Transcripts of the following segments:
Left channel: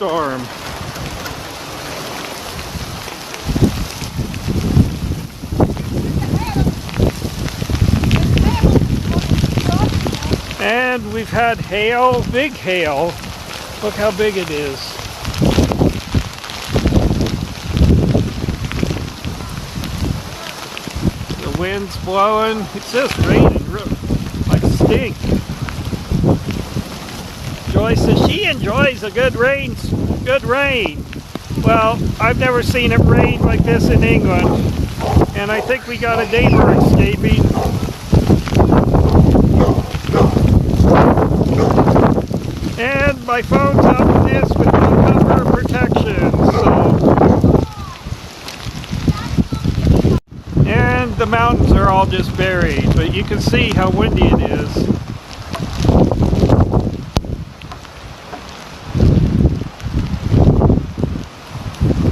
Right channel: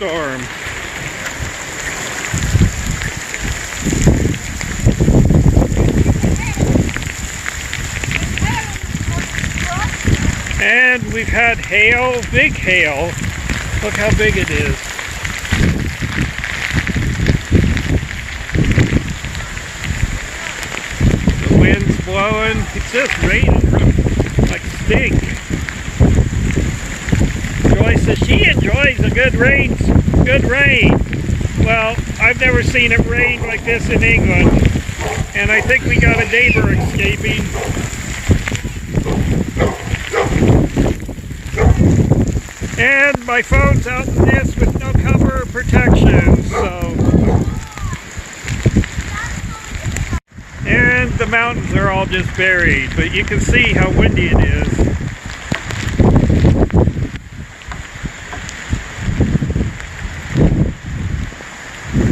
Rainstorm. And we've had hail, big hail. Look how big it is. The wind's blowing. It's just raining like stink. Joy says she enjoys a good rain. Well, I've never seen it rain like this in England. And I think we got a neighbor escaping. And my phone's out in this with no cover protection, so. And the mountains are all just buried, but you can see how windy it is.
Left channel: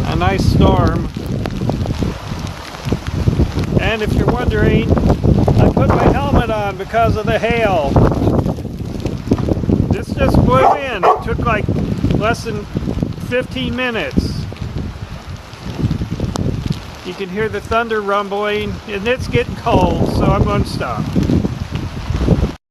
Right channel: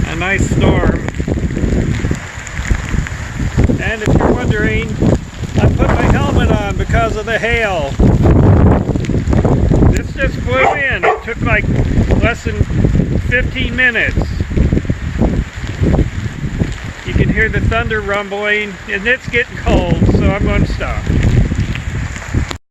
A nice storm. And if you're wondering, I put my helmet on because of the hail. This just blew in. It took like less than 15 minutes. You can hear the thunder rumbling, and it's getting cold, so I'm going to stop.